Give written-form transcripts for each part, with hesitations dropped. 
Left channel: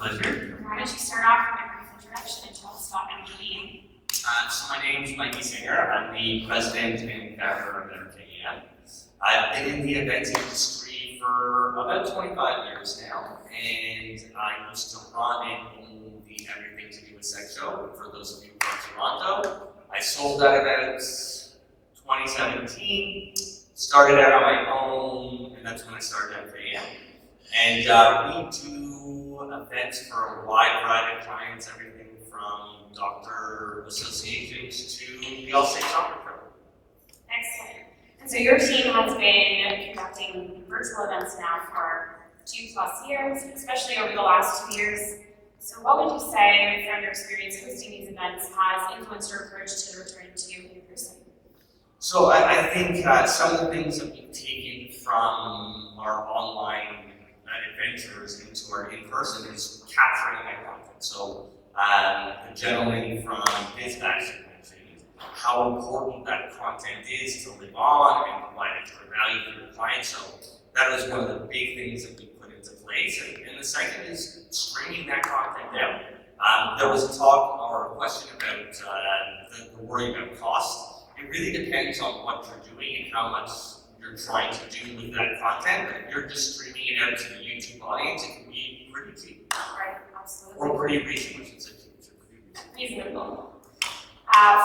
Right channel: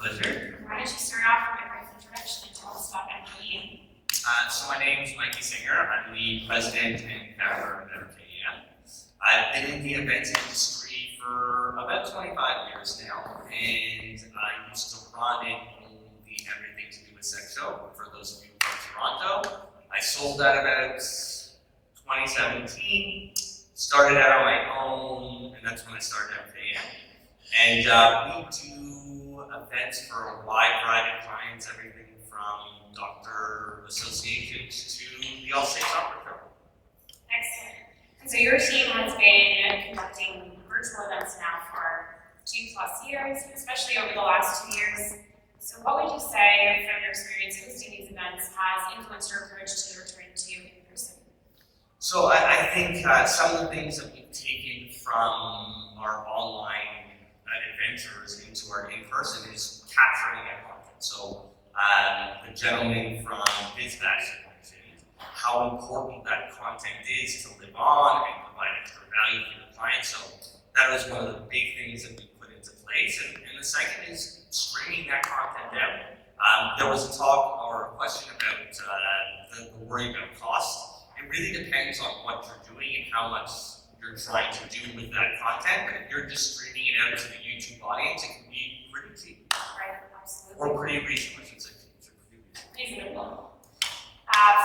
pleasure. Why don't you start off with a brief introduction and tell us about MKE? So my name is Mikey Singer. I'm the president and founder of MKE. I've been in the events industry for about 25 years now, and I used to run and own the Everything to Do with Sex show for those of you from Toronto. I sold that about 2017, started out on my own, and that's when I started MKE. And we do events for a wide variety of clients, everything from doctor associations to the All-State Soccer Pro. Excellent. And so your team has been conducting virtual events now for 2+ years, especially over the last 2 years. So what would you say from your experience hosting these events has influenced your approach to return to in-person? So I think some of the things that we've taken from our online adventures into our in-person is capturing that content. So the gentleman from BizBash mentioned how important that content is to live on and provide extra value for your clients. So that was one of the big things that we put into place. And the second is streaming that content out. There was a talk or a question about the worry about cost. It really depends on what you're doing and how much you're trying to do with that content. But if you're just streaming it out to the YouTube audience, it can be pretty cheap. Right, absolutely. Or pretty reasonable, I should say. Reasonable.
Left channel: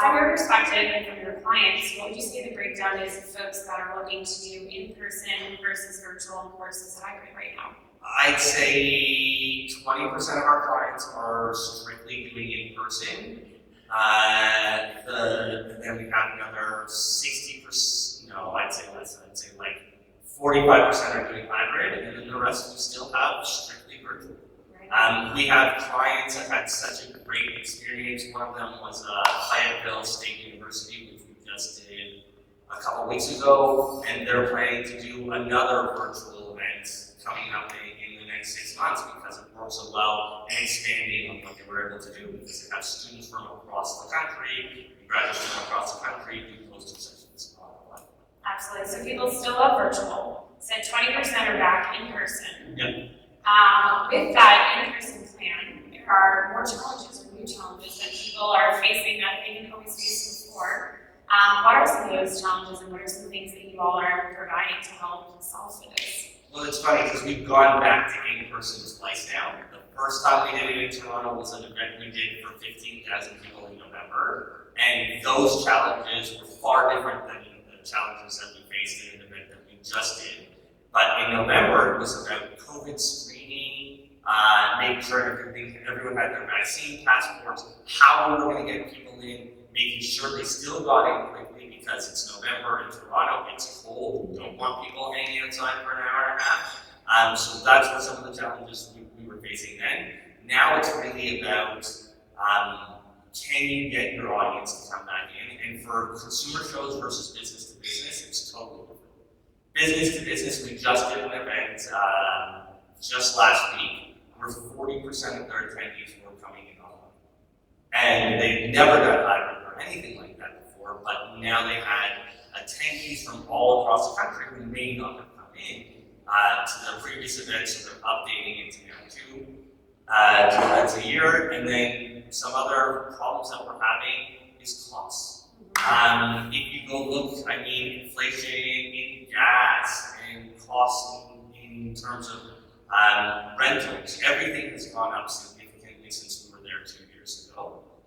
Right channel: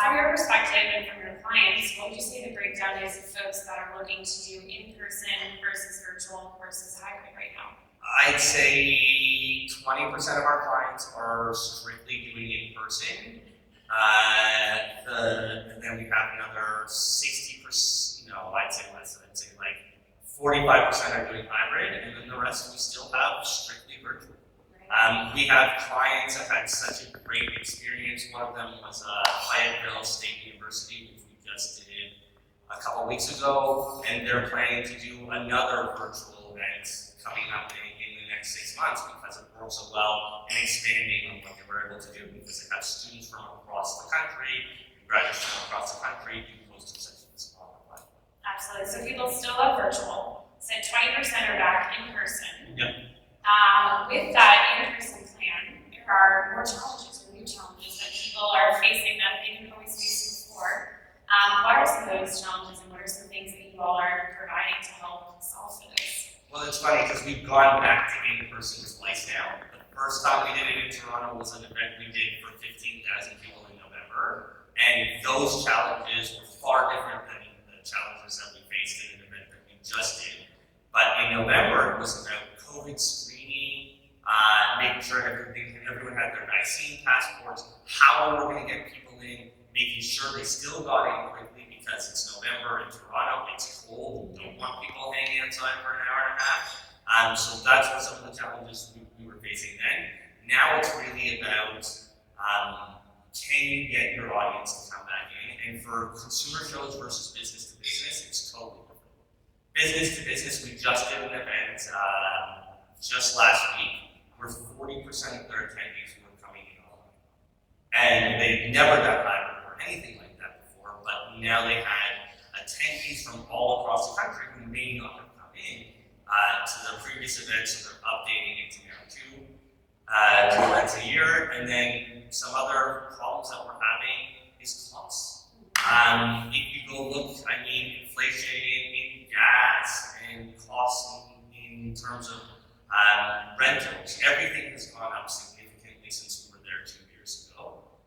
From your perspective and from your clients, what would you say the breakdown is of folks that are looking to do in-person versus virtual versus hybrid right now? I'd say 20% of our clients are strictly doing in-person. And then we have another 60%, no, I'd say less. I'd say like 45% are doing hybrid, and then the rest we still have strictly virtual. We have clients that had such a great experience. One of them was Fayetteville State University, which we just did a couple weeks ago, and they're planning to do another virtual event coming up in the next 6 months because it worked so well and expanding on what they were able to do because they have students from across the country, graduates from across the country do hosted sessions on the platform. Absolutely. So people still love virtual. So 20% are back in person. Yep. With that in-person plan, there are more challenges or new challenges that people are facing that they didn't always face before. What are some of those challenges and what are some things that you all are providing to help solve for this? Well, it's funny because we've gone back to in-person twice now. The first time we did it in Toronto was an event we did for 15,000 people in November, and those challenges were far different than the challenges that we faced in an event that we just did. But in November, it was about COVID screening, making sure everyone had their vaccine passports, how we were going to get people in, making sure they still got in quickly because it's November in Toronto, it's cold, we don't want people hanging outside for an hour and a half. So that's what some of the challenges we were facing then. Now it's really about can you get your audience to come back in? And for consumer shows versus business to business, it's totally different. Business to business, we just did an event just last week where 40% of their attendees were coming in online. And they'd never done hybrid or anything like that before, but now they had attendees from all across the country who may not have come in to the previous event, so they're updating it to now two events a year. And then some other problems that we're having is costs. If you go look, inflation in gas and costs in terms of rentals, everything has gone up significantly since we were there 2 years ago.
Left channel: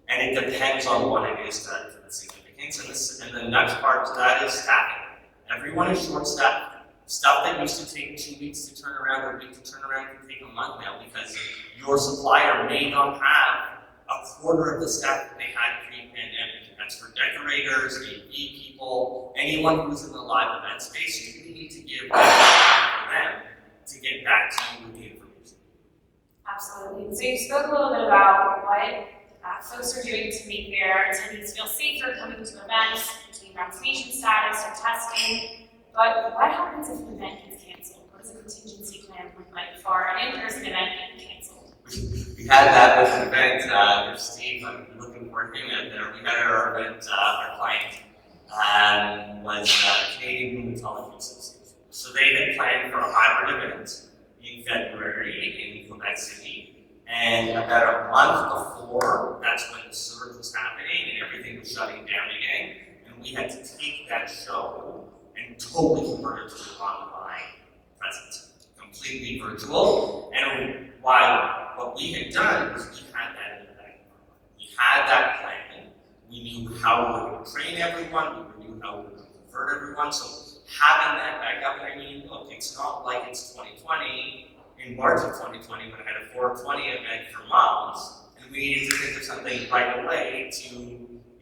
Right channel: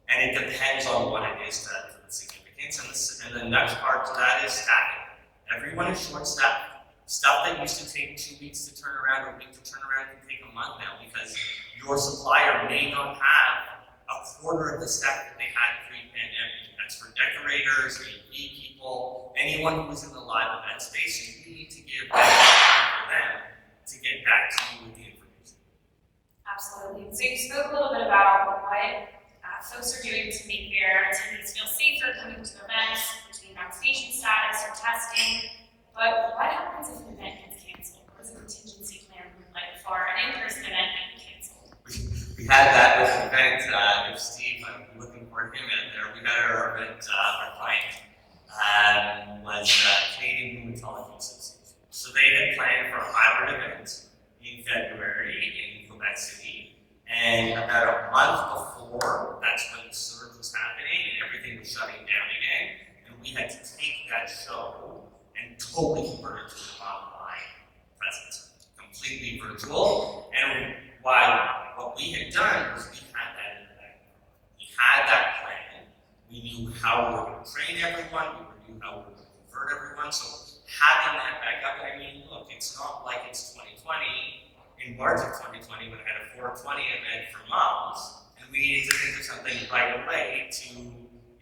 And it depends on what it is that the significance. And the next part to that is staffing. Everyone is short-staffed. Stuff that used to take 2 weeks to turn around or a week to turn around can take a month now because your supplier may not have a quarter of the staff that they had pre-pandemic. That's for decorators, AV people, anyone who's in the live event space. You really need to give that time for them to get back to you with the information. Absolutely. So you spoke a little bit about what folks are doing to make their attendees feel safer coming to events, between vaccination status or testing. But what happens if an event gets canceled? What does a contingency plan look like for an in-person event being canceled? We had that with an event. If Steve, I'm looking for him out there. We had our event, our client was Canadian Rheumatology Association. So they had planned for a hybrid event in February in Quebec City. And about a month before, that's when the surge was happening and everything was shutting down again. And we had to take that show and totally convert it to an online presence, completely virtual. And what we had done was we had that in the back of our mind. We had that plan. We knew how we were going to train everyone. We knew how we were going to convert everyone. So having that back up, and I mean, look, it's not like it's 2020. In March of 2020, when I had a 420 event for moms, and we needed to think of something right away to,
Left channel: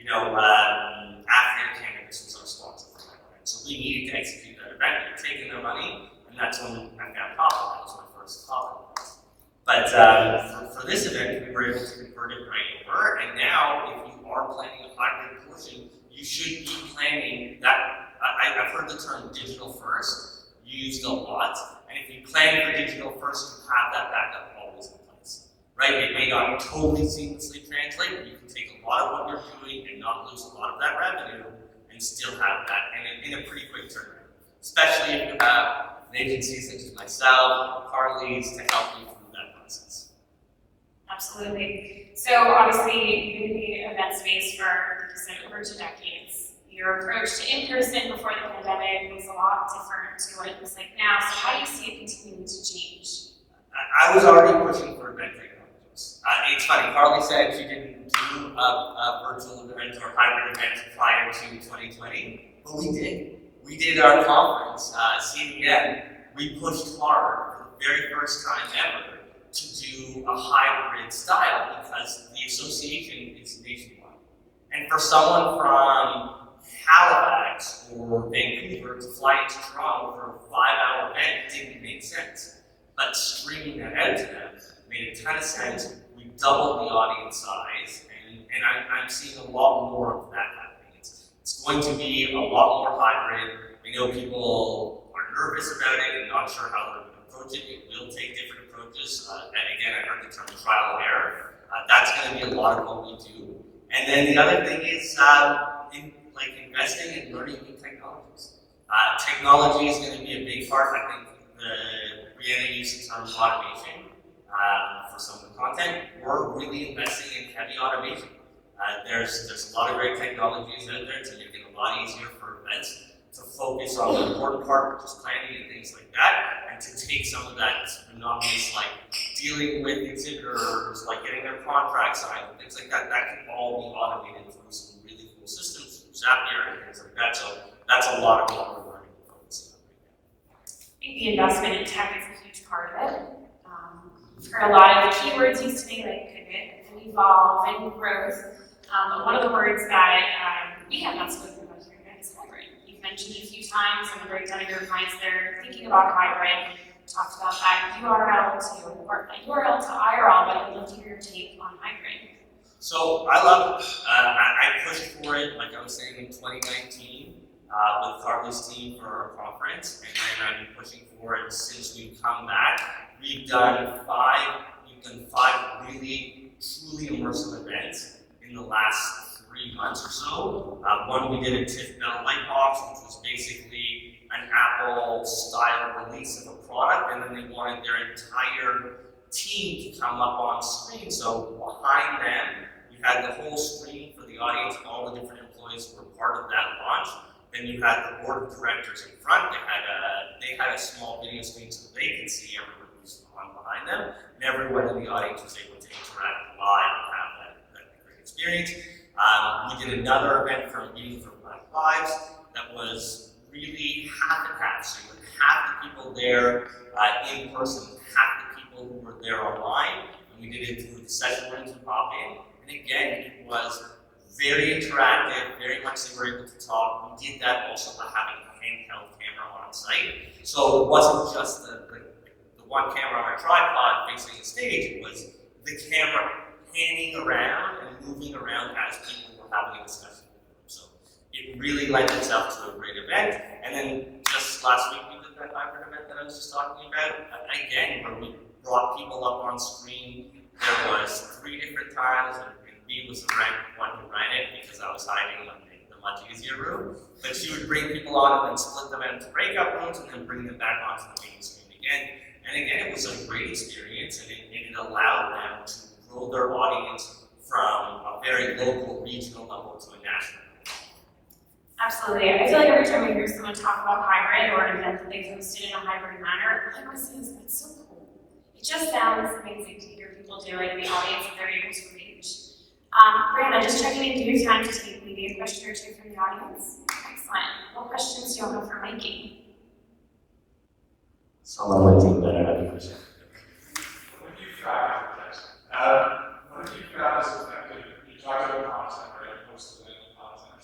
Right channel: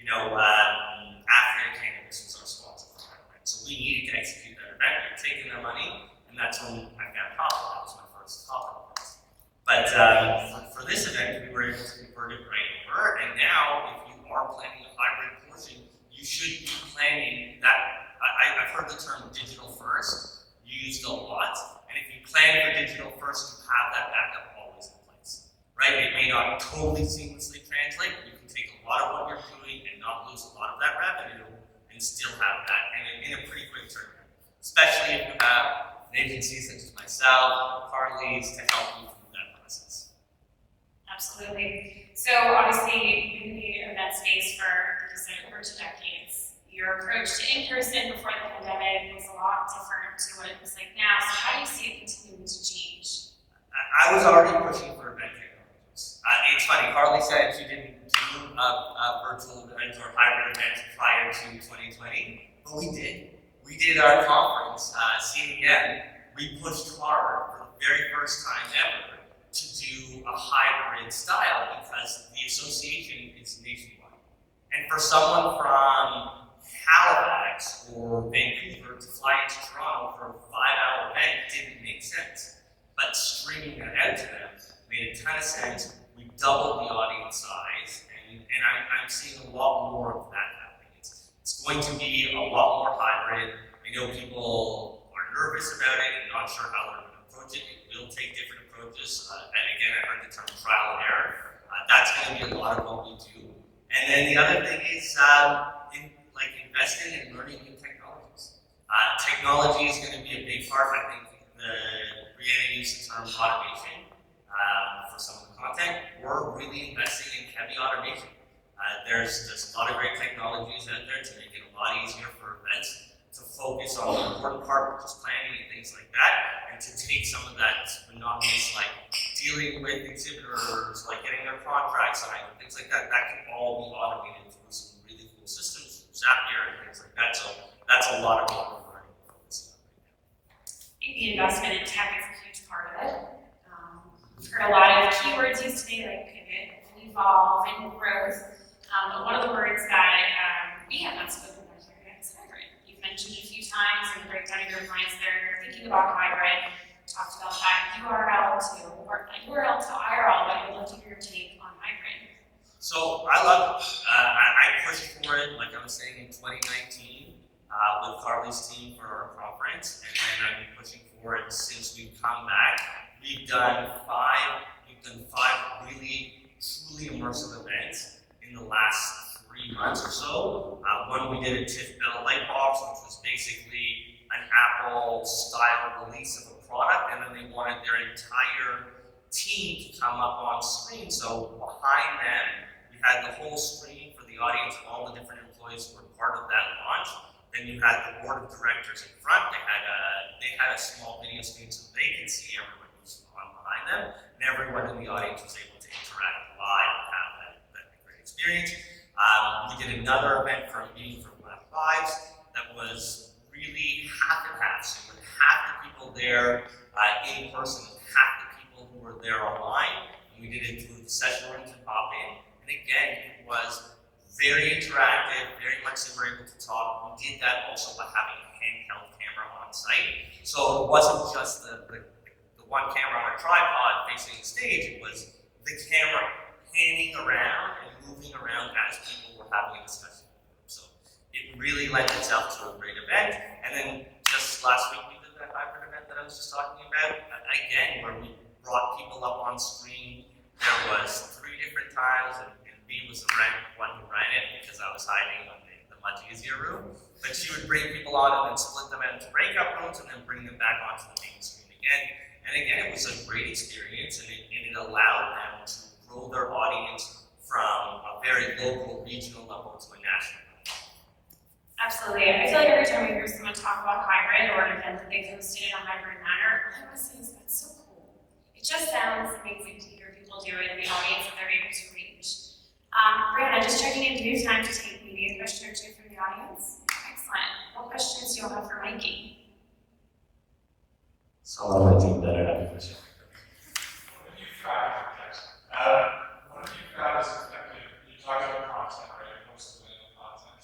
after cannabis was our sponsor for that event. So we needed to execute that event. We were taking their money, and that's when I found Cohen. That was my first Cohen event. But for this event, we were able to convert it right over, and now if you are planning a hybrid portion, you should be planning that. I've heard the term digital first used a lot. And if you plan for digital first, you have that backup always in place, right? It may not totally seamlessly translate, but you can take a lot of what you're doing and not lose a lot of that revenue and still have that in a pretty quick turnaround. Especially if you have an agency such as myself, Carly's, to help you through that process. Absolutely. So obviously, you've been in the event space for over 2 decades. Your approach to in-person before the pandemic was a lot different to what it looks like now. So how do you see it continuing to change? I was already pushing for event technologies. It's funny, Carly said she didn't do a virtual event or hybrid event prior to 2020, but we did. We did our conference, CDM. We pushed hard for the very first time ever to do a hybrid style because the association is nationwide. And for someone from Halifax or Vancouver to fly into Toronto for a 5-hour event didn't make sense. But streaming that out to them made a ton of sense. We doubled the audience size, and I'm seeing a lot more of that happening. It's going to be a lot more hybrid. I know people are nervous about it and not sure how they're going to approach it. It will take different approaches. And again, I heard the term trial and error. That's going to be a lot of what we do. And then the other thing is investing in learning new technologies. Technology is going to be a big part. I think Brianna used the term automation for some of the content. We're really investing in heavy automation. There's a lot of great technologies out there to make it a lot easier for events to focus on the important part, which is planning and things like that, and to take some of that monotonous, like dealing with exhibitors, like getting their contracts signed and things like that. That can all be automated through some really cool systems. Zapier and things like that, so that's a lot of what we're learning and focusing on right now. I think the investment in tech is a huge part of it. We've heard a lot of keywords used today, like pivot, and evolve, and growth. But one of the words that we have not spoken about here yet is hybrid. You've mentioned it a few times in the breakdown of your clients that are thinking about hybrid. Talked about that URL to IRL, but I'd love to hear your take on hybrid. So I love it. I pushed for it, like I was saying, in 2019 with Carly's team for our conference, and then I've been pushing for it since we've come back. We've done five really, truly immersive events in the last 3 months or so. One, we did a TIFF Bell Lightbox, which was basically an Apple-style release of a product, and then they wanted their entire team to come up on screen. So behind them, we had the whole screen for the audience, all the different employees who were part of that launch. Then you had the board of directors in front. They had a small video screen so they could see everyone who's on behind them, and everyone in the audience was able to interact live and have that great experience. We did another event for Meeting for Black Lives that was really half and half. So you had half the people there in person, half the people who were there online, and we did it through the session rooms and pop in. And again, it was very interactive, very much they were able to talk. We did that also by having a handheld camera on site. So it wasn't just the one camera on a tripod facing the stage, it was the camera panning around and moving around as people were having a discussion. So it really lent itself to a great event. And then just last week we did that hybrid event that I was just talking about, again, where we brought people up on screen. There was 3 different times, and B was the one who ran it because I was hiding in the much easier room. But she would bring people on and then split them into breakout rooms and then bring them back onto the main screen again. And again, it was a great experience, and it allowed them to grow grow their audience from a very local, regional level to a national level. Absolutely. I feel like every time we hear someone talk about hybrid or an event that they've hosted in a hybrid manner, I want to say that's so cool. It just sounds amazing to hear people do it and the audience that they're able to reach. Brianna, just checking in, do you have time to take maybe a question or two from the audience? Excellent. What questions do you all have for Mikey? Someone might do better at it. What do you found as effective? You talked about content, right? Most of it content.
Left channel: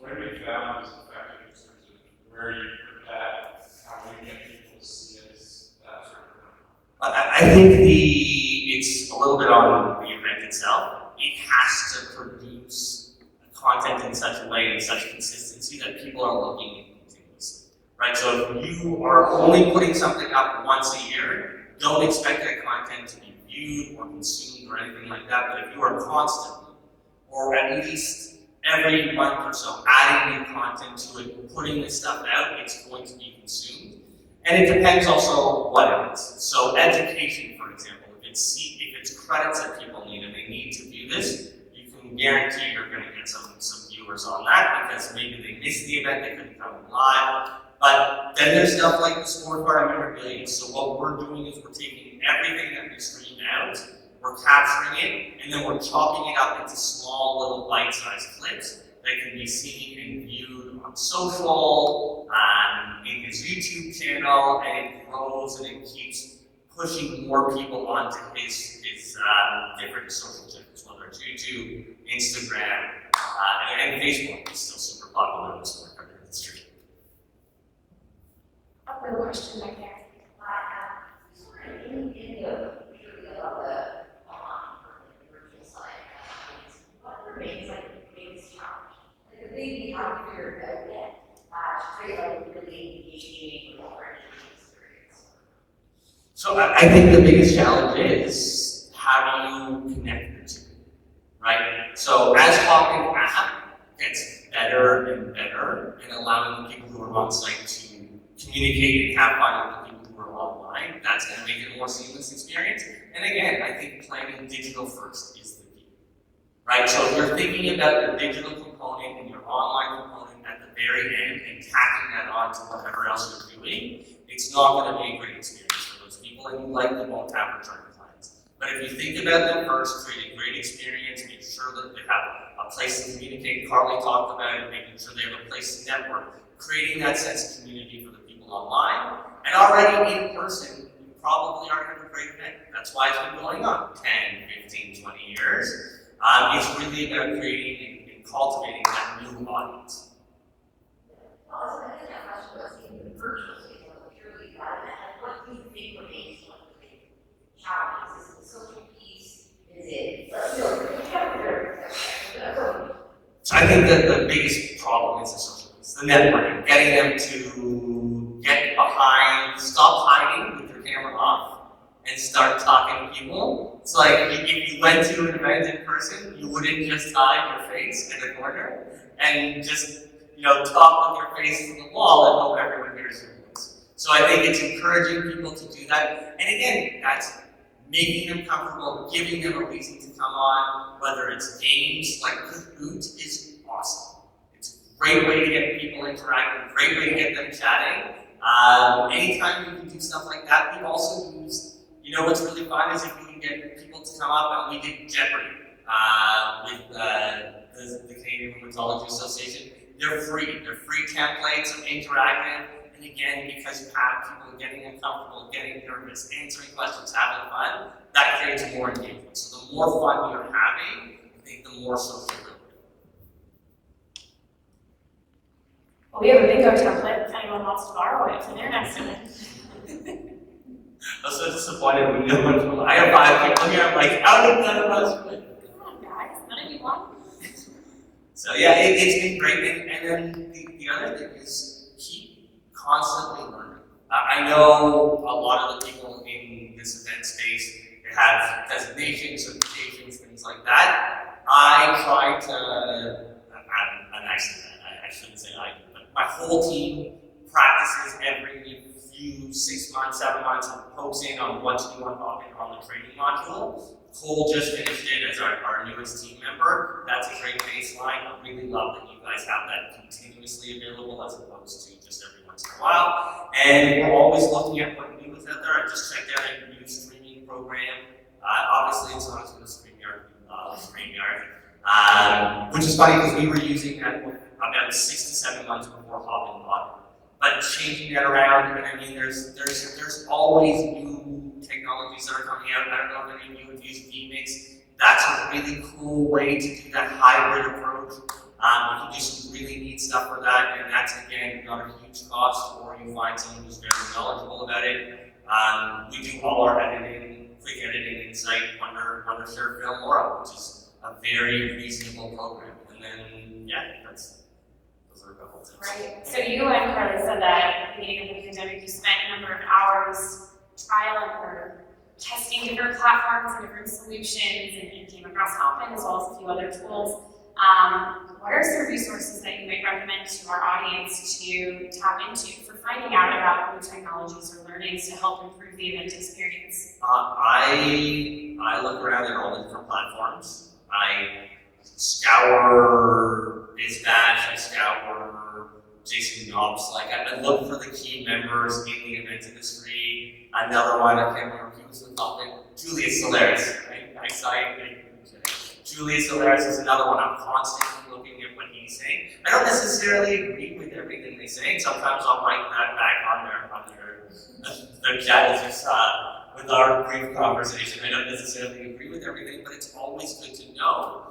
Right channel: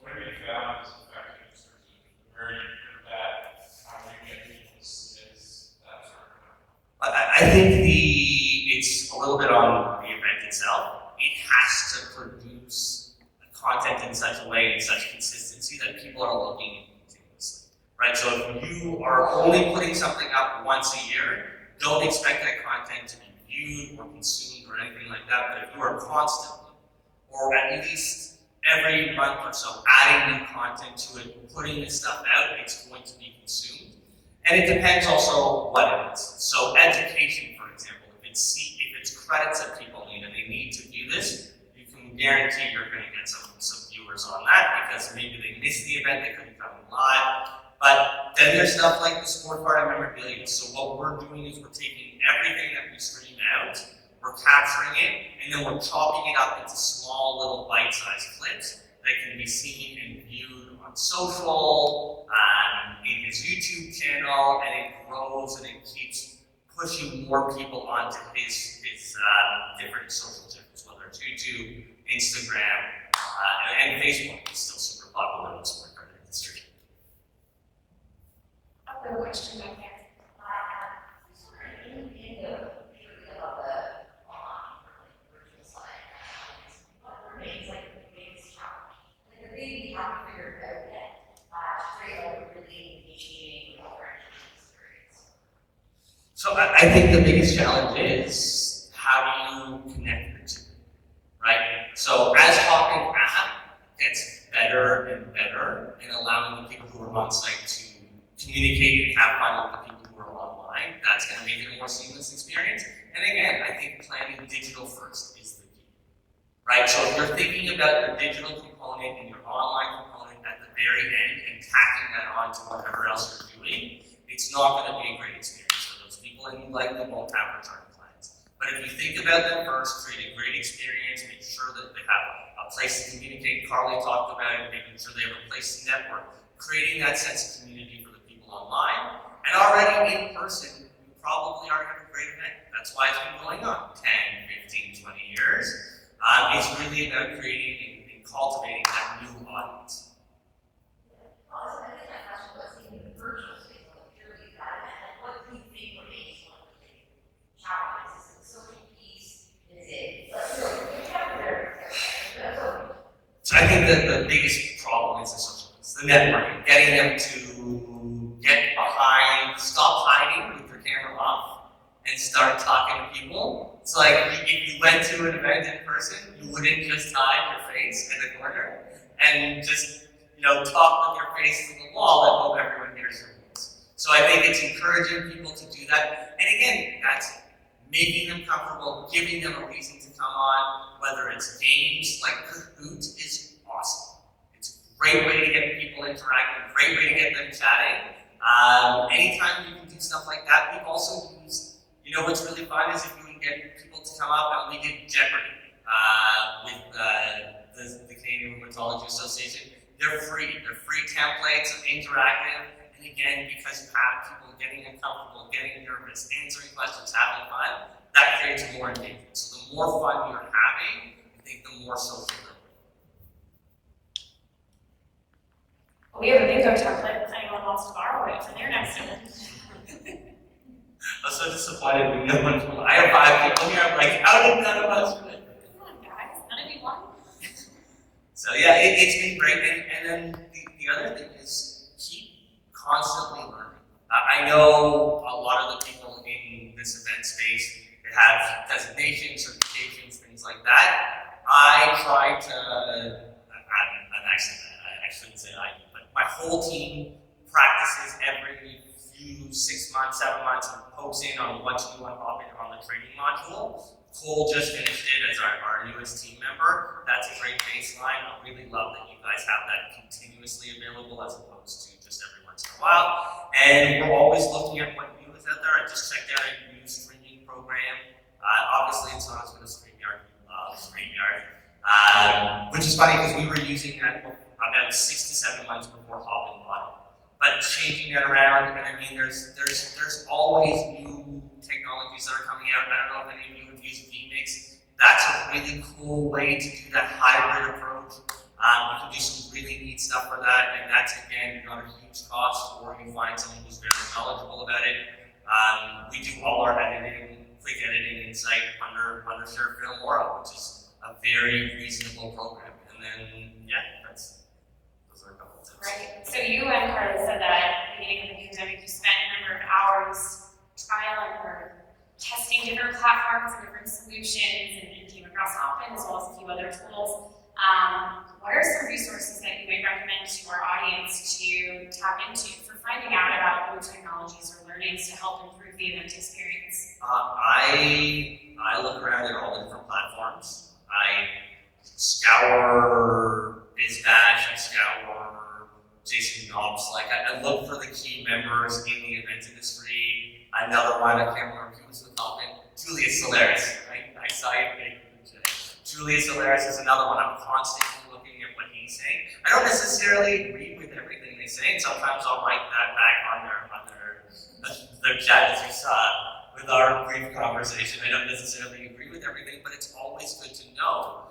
What have you found as effective in terms of where you put that, how you get people to see it, that sort of thing? I think it's a little bit on the event itself. It has to produce content in such a way and such consistency that people are looking at continuously, right? So if you are only putting something up once a year, don't expect that content to be viewed or consumed or anything like that. But if you are constantly, or at least every month or so, adding new content to it, putting this stuff out, it's going to be consumed. And it depends also what it is. So education, for example, if it's credits that people need and they need to view this, you can guarantee you're going to get some viewers on that because maybe they missed the event, they couldn't come live. But then there's stuff like the scorecard memorabilia. So what we're doing is we're taking everything that we stream out, we're capturing it, and then we're chopping it up into small little bite-sized clips that can be seen and viewed on social, in his YouTube channel, and it grows and it keeps pushing more people onto his different social channels, whether it's YouTube, Instagram, and Facebook is still super popular in the scorecard industry. We have a question back there. In India, particularly about the online virtual side, what remains like the biggest challenge? Like the thing you haven't figured out yet to create like a really engaging experience. So I think the biggest challenge is how do you connect the two, right? So as Talking app gets better and better in allowing the people who are on site to communicate and have fun with the people who are online, that's going to make it a more seamless experience. And again, I think planning digital first is the key, right? So if you're thinking about your digital component and your online component at the very end and tacking that on to whatever else you're doing, it's not going to be a great experience for those people, and you likely won't have return plans. But if you think about them first, create a great experience, make sure that they have a place to communicate. Carly talked about it, making sure they have a place to network, creating that sense of community for the people online, and already in person, you probably already have a great event. That's why it's been going on 10, 15, 20 years. It's really about creating and cultivating that new audience. Also, I think that question was in the virtual space, like purely that, and what do you think remains one of the big challenges? Is it the social piece? Is it So I think that the biggest problem is the social piece, the networking, getting them to get behind, stop hiding with their camera off, and start talking to people. It's like if you went to an event in person, you wouldn't just hide your face in the corner and just talk with your face to the wall and hope everyone hears your voice. So I think it's encouraging people to do that. And again, that's making them comfortable, giving them a reason to come on, whether it's games like Kahoot is awesome. It's a great way to get people interacting, great way to get them chatting. Anytime you can do stuff like that, we've also used, what's really fun is if we can get people to come up, and we did Jeopardy with the Canadian Rheumatology Association. They're free templates, interactive, and again, because you have people getting uncomfortable, getting nervous, answering questions, having fun, that creates more engagement. So the more fun you're having, I think the more social growth. Well, we have a bingo template if anyone wants to borrow it for their next event. I was so disappointed when no one. I have 5 people here. I'm like, how did none of us? Come on, guys, none of you won. So yeah, it's been great. And then the other thing is keep constantly learning. I know a lot of the people in this event space, they have designations, certifications, things like that. I try to. I'm actually I shouldn't say I do, but my whole team practices every few 6 months, 7 months, and pokes in on what's new on the training module. Cole just finished it as our newest team member. That's a great baseline. I really love that you guys have that continuously available as opposed to just every once in a while. And we're always looking at what new is out there. I just checked out a new streaming program. Obviously, it's not as good as StreamYard. We love StreamYard. Which is funny because we were using that about 6 to 7 months before hopping on it. But changing that around, and I mean, there's always new technologies that are coming out. I don't know if any of you have used vMix. That's a really cool way to do that hybrid approach. You can do some really neat stuff for that, and that's again not a huge cost, or you find someone who's very knowledgeable about it. We do all our editing, quick editing inside under Share Film Aura, which is a very reasonable program. And then those are a couple of tips. Right. So you and Carly said that at the beginning of the pandemic, you spent a number of hours trialing or testing different platforms and different solutions, and came across Hopin as well as a few other tools. What are some resources that you might recommend to our audience to tap into for finding out about new technologies or learnings to help improve the event experience? I look around at all the different platforms. I scour BizBash, I scour Jason Knobs. I look for the key members in the event industry. Another one, I can't remember who was the topic. Julius Solaris. I saw you getting Julius Solaris is another one. I'm constantly looking at what he's saying. I don't necessarily agree with everything they say, and sometimes I'll write that back on their chat, as you saw with our brief conversation. I don't necessarily agree with everything, but it's always good to know.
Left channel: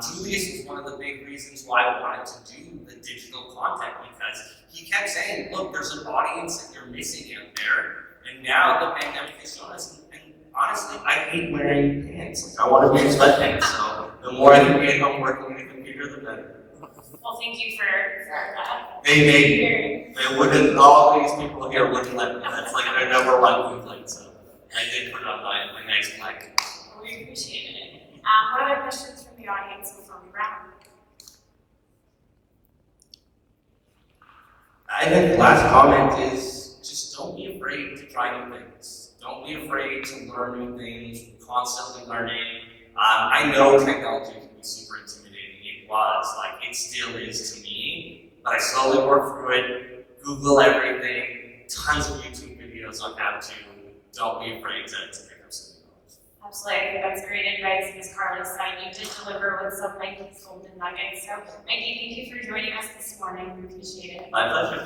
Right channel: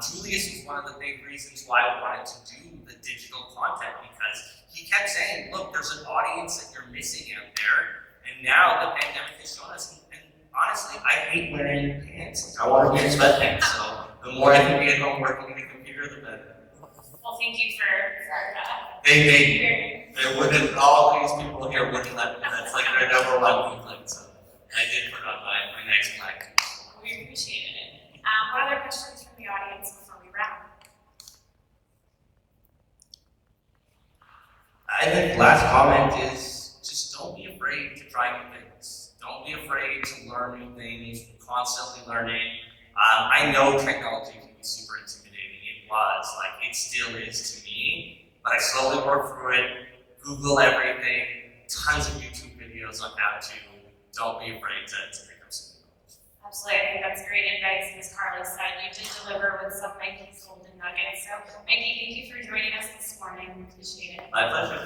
Julius was one of the big reasons why I wanted to do the digital content, because he kept saying, look, there's an audience that you're missing out there, and now the pandemic has shown us, and honestly, I hate wearing pants. I want to wear sweatpants, so the more I can be at home working on a computer, the better. Well, thank you for that. They wouldn't, all these people here wouldn't let me. That's like their number one complaint, so I did put on my next black. We appreciate it. What other questions from the audience before we wrap? I think the last comment is just don't be afraid to try new things. Don't be afraid to learn new things, constantly learning. I know technology can be super intimidating. It still is to me, but I slowly work through it, Google everything, tons of YouTube videos on how to. Don't be afraid to pick up some knowledge. Absolutely, I think that's great advice. As Carly said, you did deliver with some Mikey's golden nuggets. So, Mikey, thank you for joining us this morning. We appreciate it. My pleasure.